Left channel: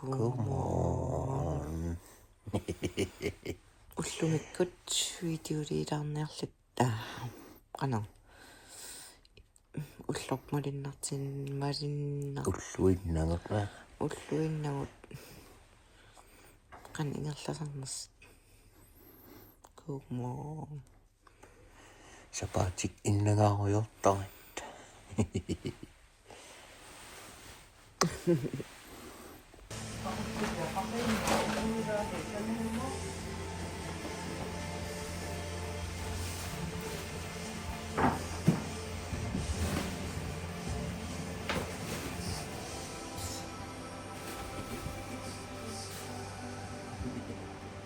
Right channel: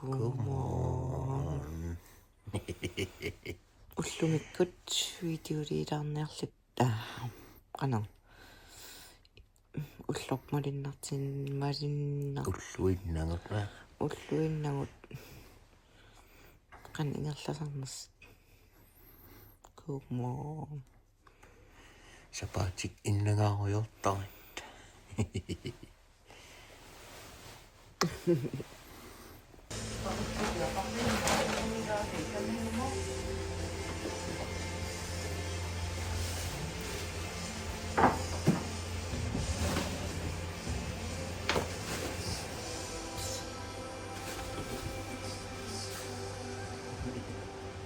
Godmorgen. Ullumikut videoliilarniarlutta qana ullormalinnartin malinnar ulluinnagut qan ingerlasarnas godmorgen Sapatik innagaarujortarit.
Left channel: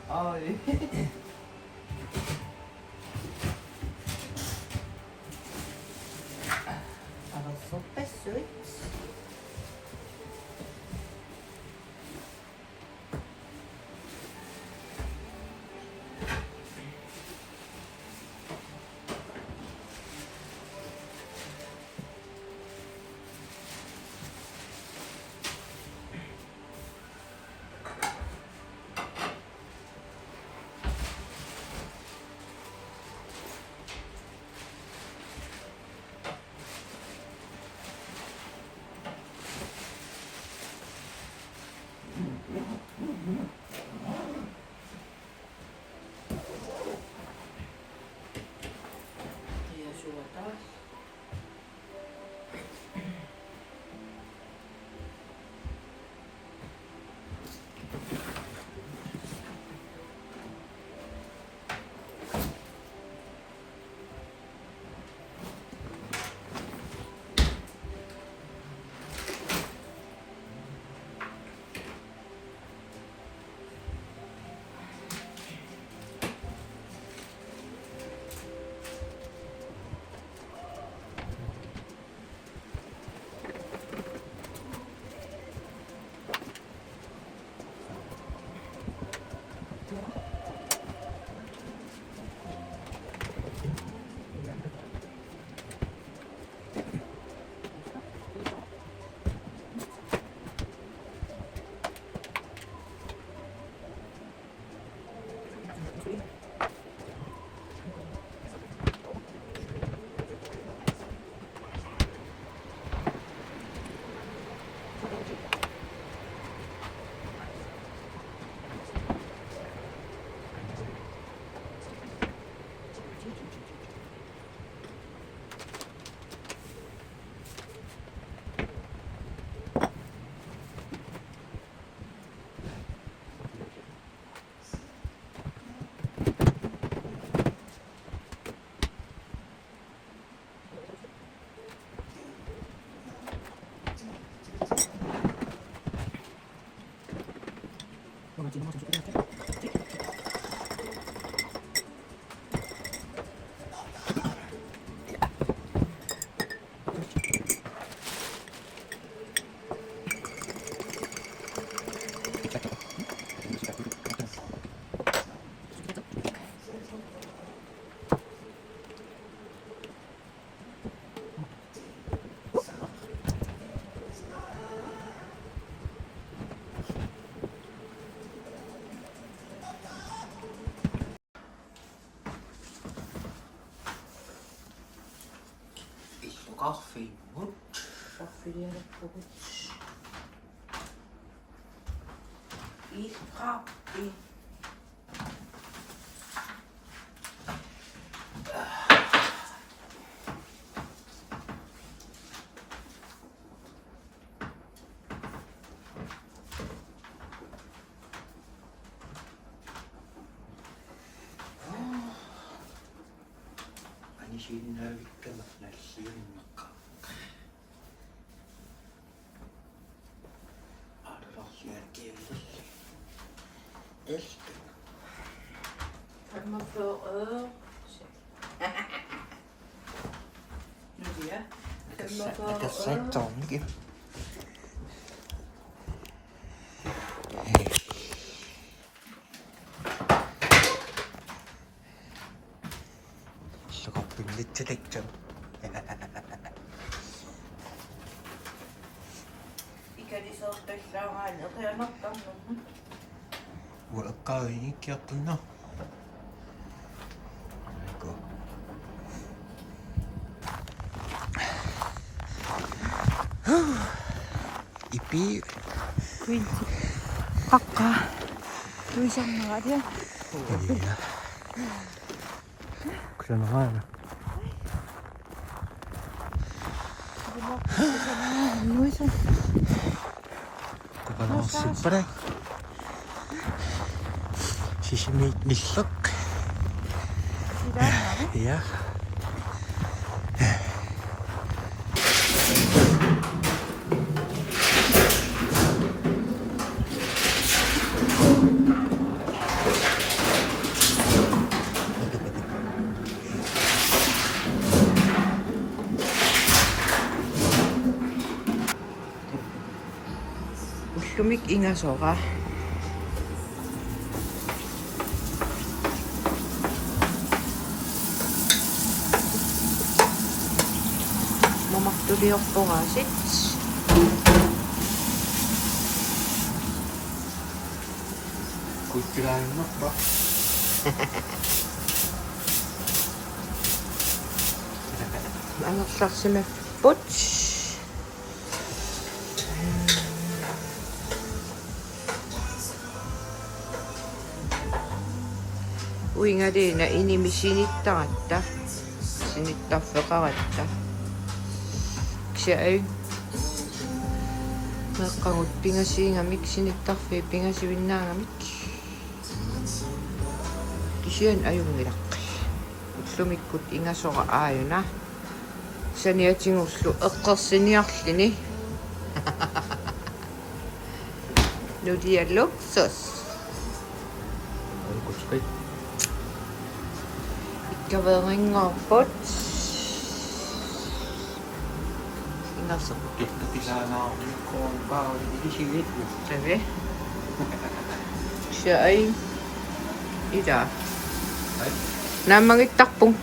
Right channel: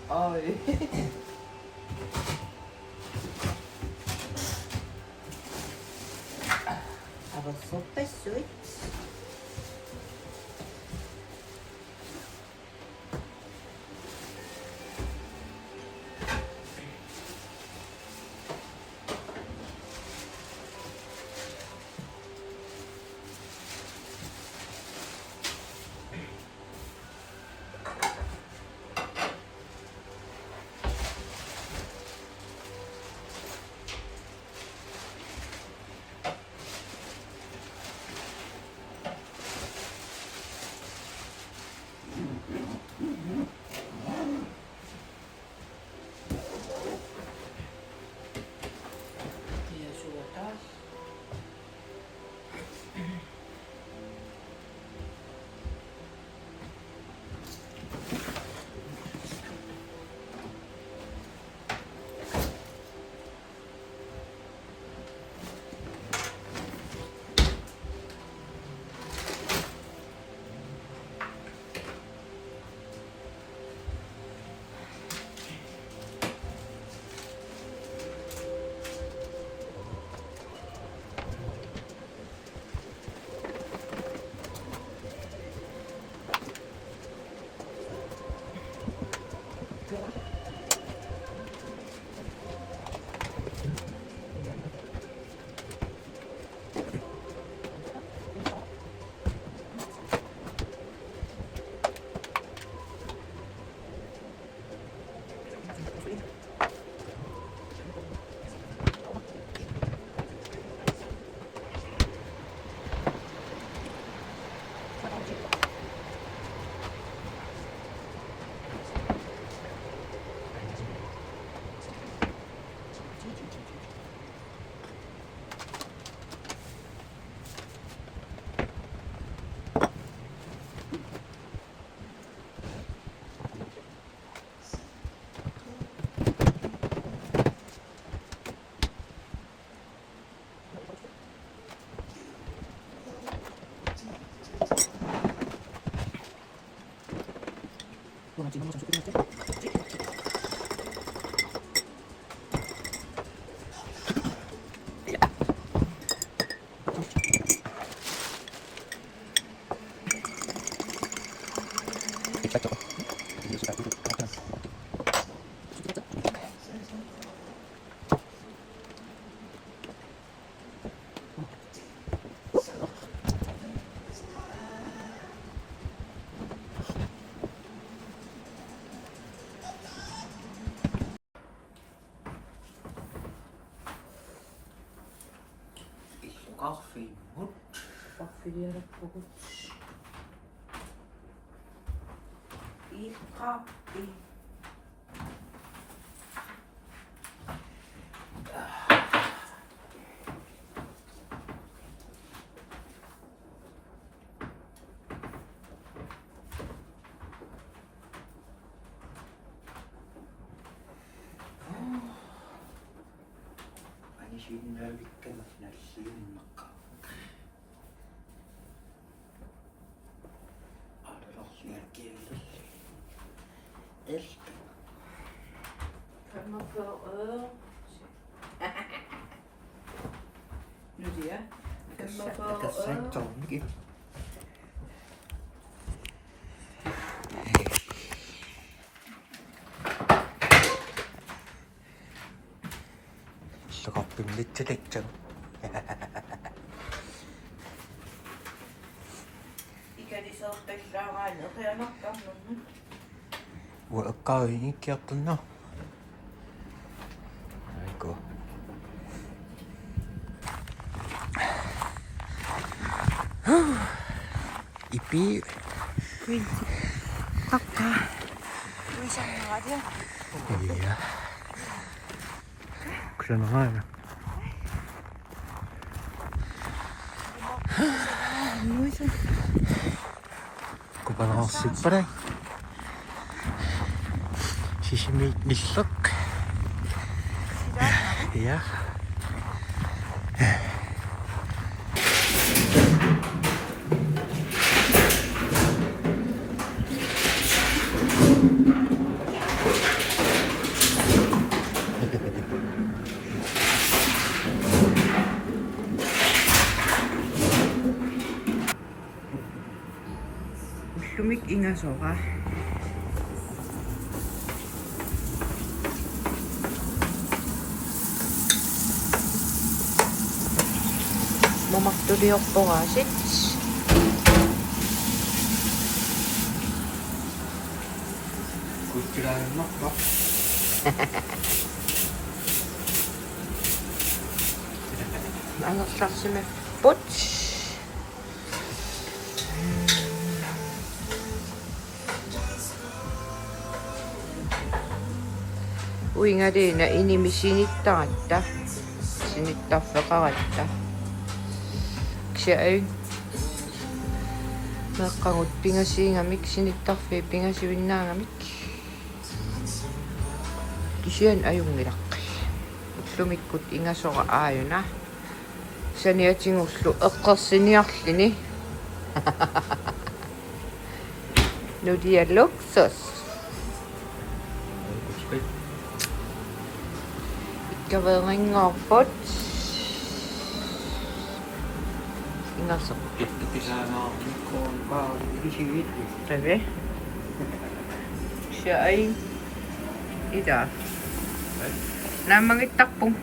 Oi. 알았어, 뺐어. Kaffi, mut. Kaffi vielä puhut. Kaffi. Ani siinä yrittävät näissä jummakkaan. Adolos jälkeen. Elsker. Kan man få Nu det. Kan man få Tässä ei tonkin. Kaffin litsi tekcan. Ikä Qianisortalluangaani eqianartarnummun. Uaqqaavini ikkiartunna. Aiku. Ipi. Vinti. Kakka. Misannuaria. Iya. Kyllä aina. Kun palaan syppäröi. Siis lissok. Iya. Ullumik Ingasoqa. Mamattuliorporaasit. Kuittilaimappa. Angersarsime pots. Uingadina inimisinittaratta. Sinittарфеqaratta. Xiai. Meqqangut pingasiingamik sinittарфи pingasivinnaangamik. Kisian ajungilaqqi. Ullumikkut ingasoqa aayuna. Saniatingullu eqqersiniarlini. Nudialluksus. Kutskai. Ikkaveerinngorput. Ingasoq. Pikkupisaamaarnikkoon pauli isiitlu. Tavi. Xiai. Ida. Ai. Naamagittarpung.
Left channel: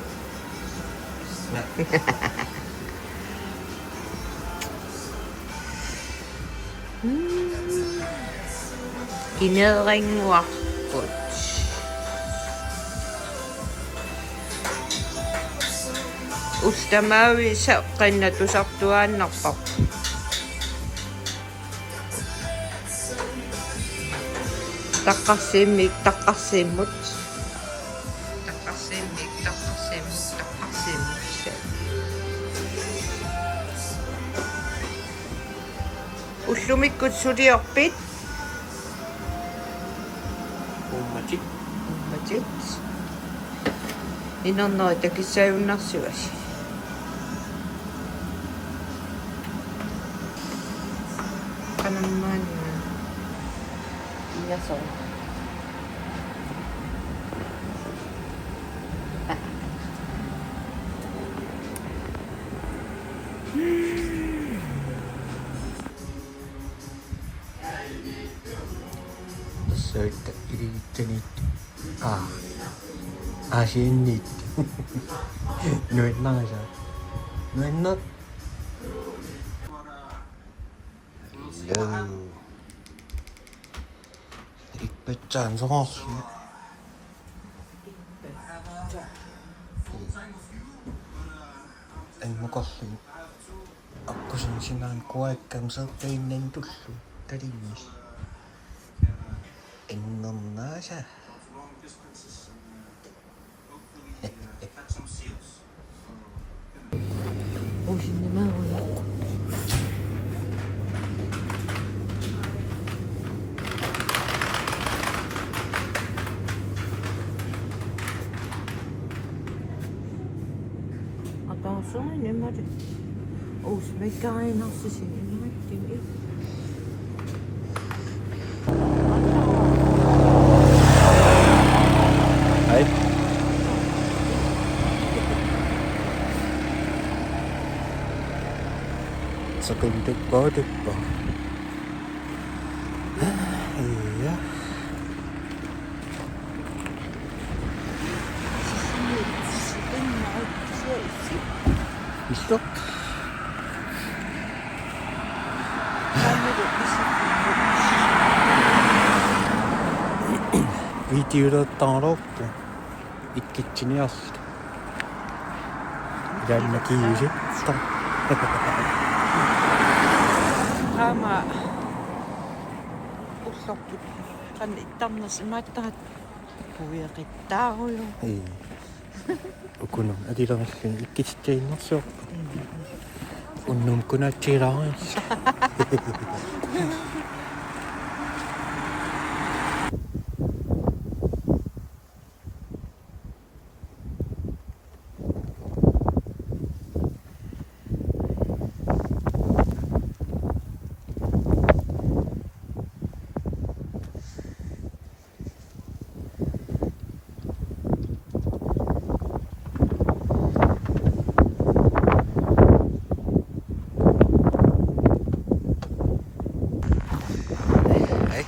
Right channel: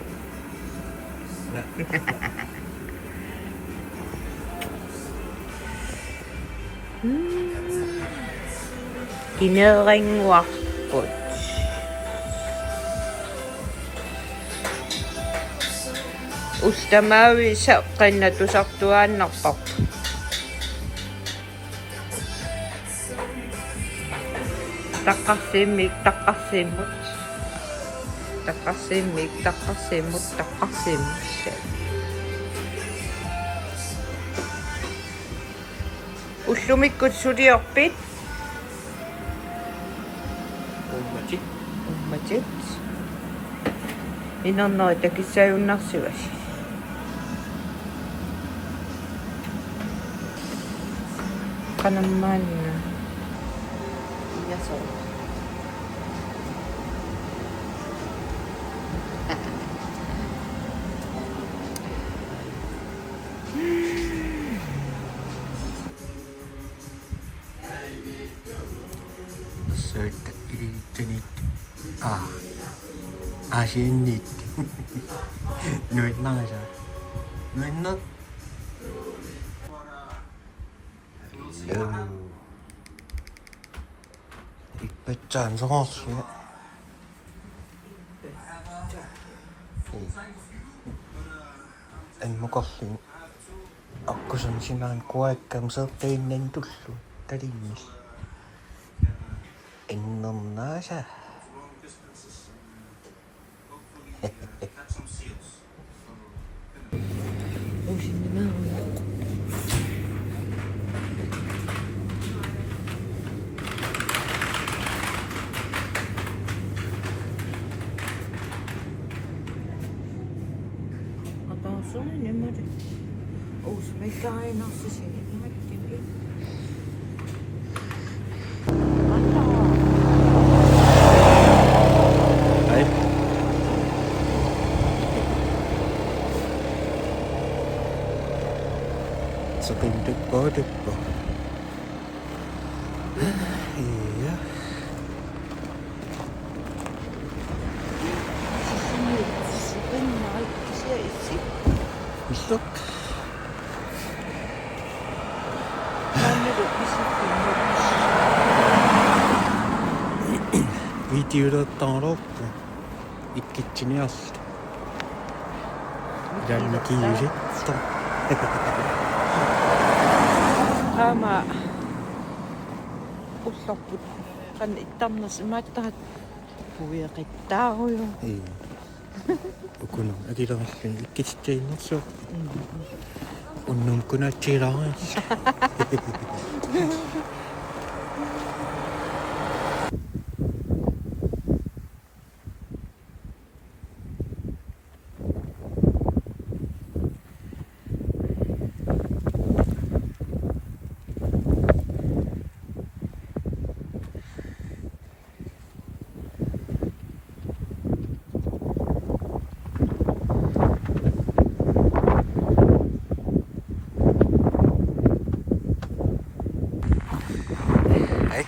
Kineeringuarput. Ustamaavi saqqinnatusartuaannarpaq. Taqqarsimmik taqqarsimmut. Taqqarsimmut. Ullumikkut suliorpit. Ummatik. Ummatit. Inernerita kissajunnarsivas. Qanammaanina. Ingasoq. Söitä iliittenit. Asinnit. Nyt naisa. Nyt. Hello. Ipetsään varosia. En mukasin. Akkusen sinään kuekkaan soppeinen tullu. Tadimis. En on naisa. Uusin nämä on. Ataussain ymmärrä. Uusi mikä aimassa sinne näkyy. Hei. Sakin typpää. Iya. Sakin näyttisiä itse. Missä? Videoda tanroppu. Ikkitsini asti. Pidämme kiirittä. Tämä ussappu kan ittamnas mattahat puiritauja. Ei. Kun on äkilläkin ikkitsittein Unnum kun äkkiräis. Hei.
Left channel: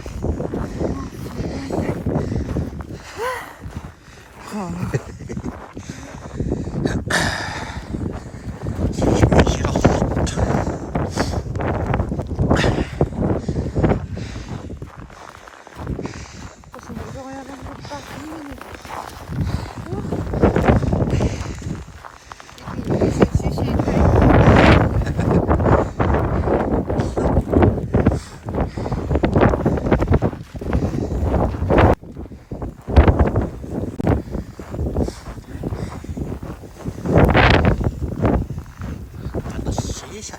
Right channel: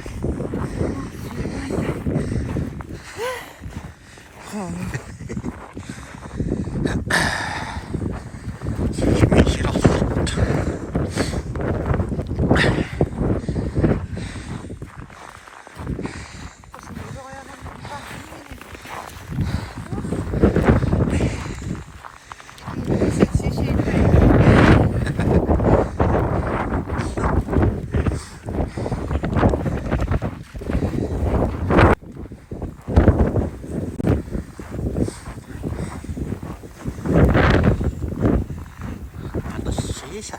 Sisä.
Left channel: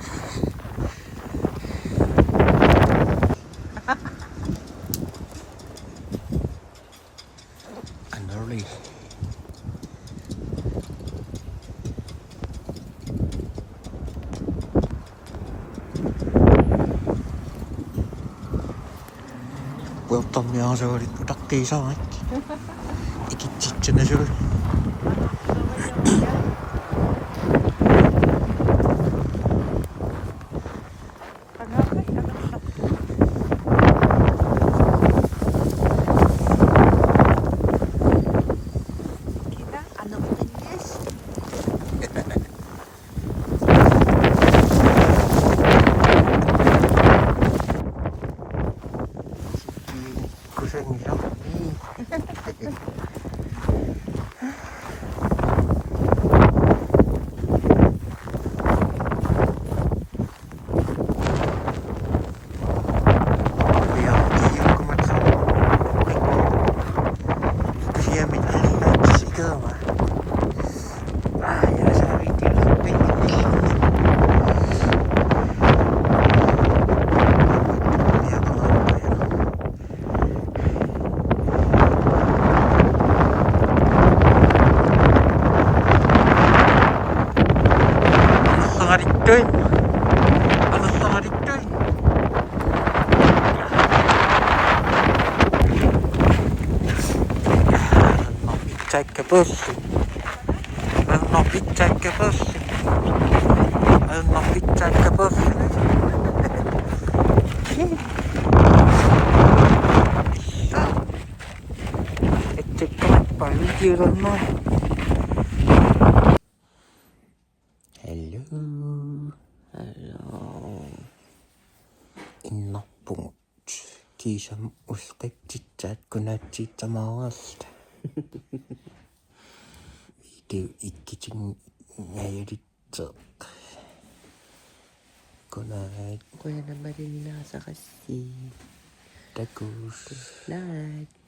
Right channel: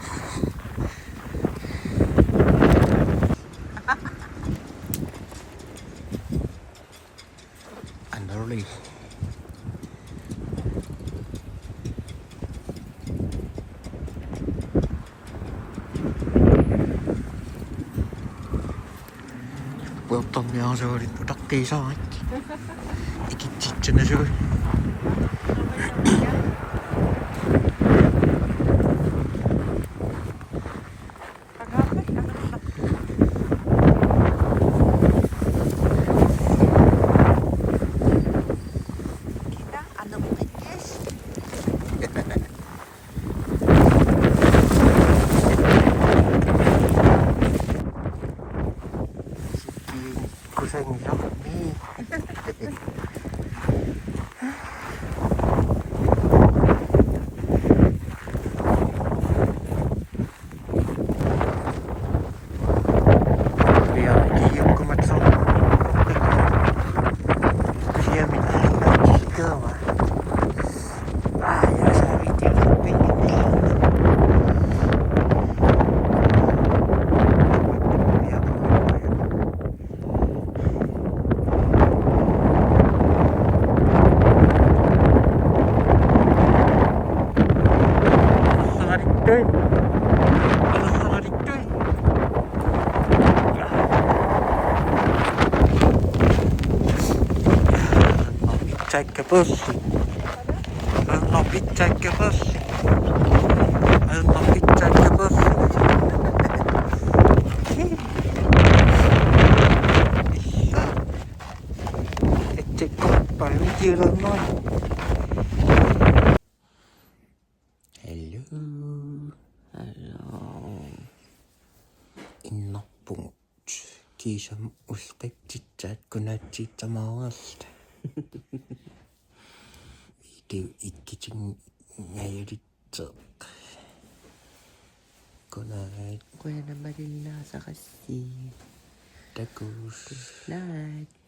Anoli. Puoltamia se oli takkiin saa. Ikitsitsenne se oli. Kusen jahmii. Pitääkö pussi? Anna pitääkö pussi? Anna pitääkö pussi? Ettei kappaa videolla noin. Hello. Hello. Innopunut. Kiisam ustektsitsät kun näytsit samasta. Video ikkitsin näyritso. Kunait. Kuya na ba din nasa kasi? Takus. Lahat.